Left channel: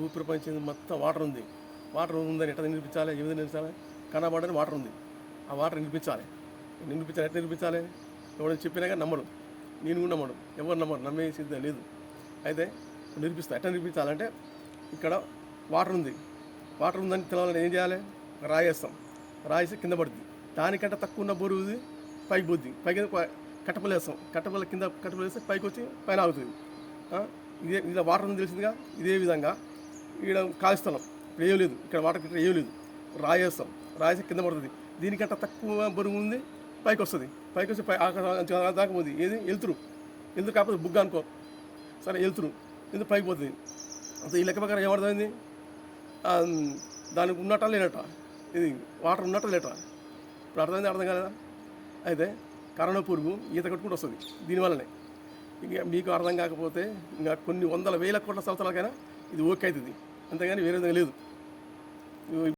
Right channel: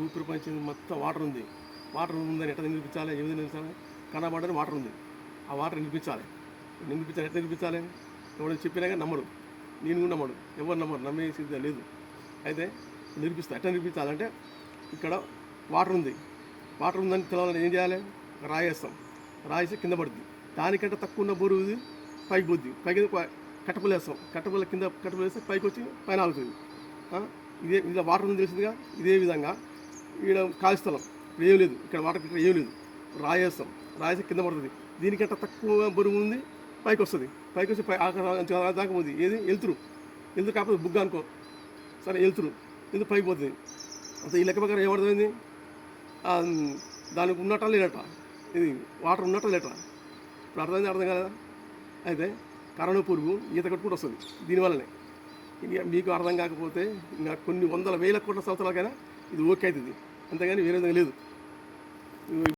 భూ ప్రపంచం మొత్తం వాటర్ ఉంది. వాటర్ ఉందని ఎట్లా నిలిపించాలి? ఏ విధంగా నిలిపించాలి? కనబడని వాటర్ ఉంది. ఆ వాటర్ నిలిపించాలి. ఎట్లా నిలిపించాలి? ఎవరైనా చెప్పినాక నమ్మడు, నేను కూడా నమ్మడు, ఎవరు నమ్మరు, నమ్మే సిద్ధం లేదు. అయితే నిలిపిస్తా. ఎట్లా నిలిపించాలంటే ఇక్కడ వాటర్ ఉంది, వాటర్ ఉందని తెలవాలని ఏం చేయాలి? రాయేస్తాం. రాయేసి కింద పడుతుంది. దానికంటే తక్కువ ఉన్న బరువు పైకి పోద్ది. పైకి కట్టపల్లి వేస్తాం. కట్టపల్లి కింద కట్టపల్లి వేస్తే పైకి వచ్చి పైన ఆగుతుంది. ఇలా వాటర్ ఉంది తెలిసిందిగా. ఇదే విధంగా ఇక్కడ ఖాళీ స్థలం ఇక్కడ ఏం లేదు, ఇక్కడ వాటర్ ఇక్కడ ఏం లేదు, రాయేస్తాం. రాయేసి కింద పడుతుంది. దీనికంటే తక్కువ బరువు ఉంది, పైకి వస్తుంది. పైకి వచ్చి దాకా పోతుంది. ఏది వెళ్తురు కాకపోతే బుగ్గ అనుకో, సరే వెళ్తురు ఎందుకు పైకి పోతుంది. అంతే ఈ లెక్క ప్రకారం ఏమర్థమైంది? దానికి ఉన్నట్ట లేనట్ట, ఇది వాటర్ ఉన్నట్ట లేట. ఇప్పుడు అర్థం కాలేదా? అయితే కరోనా పురుగు ఈత కొట్టుకుంటూ వస్తుంది దీనివల్లనే. ఇక మీకు అర్థం కాకపోతే ఇంకా కొన్ని 100,000 కోట్ల సంవత్సరాలకైనా ఇది ఓకే అవుతుంది, అంతేగాని వేరే విధంగా లేదు.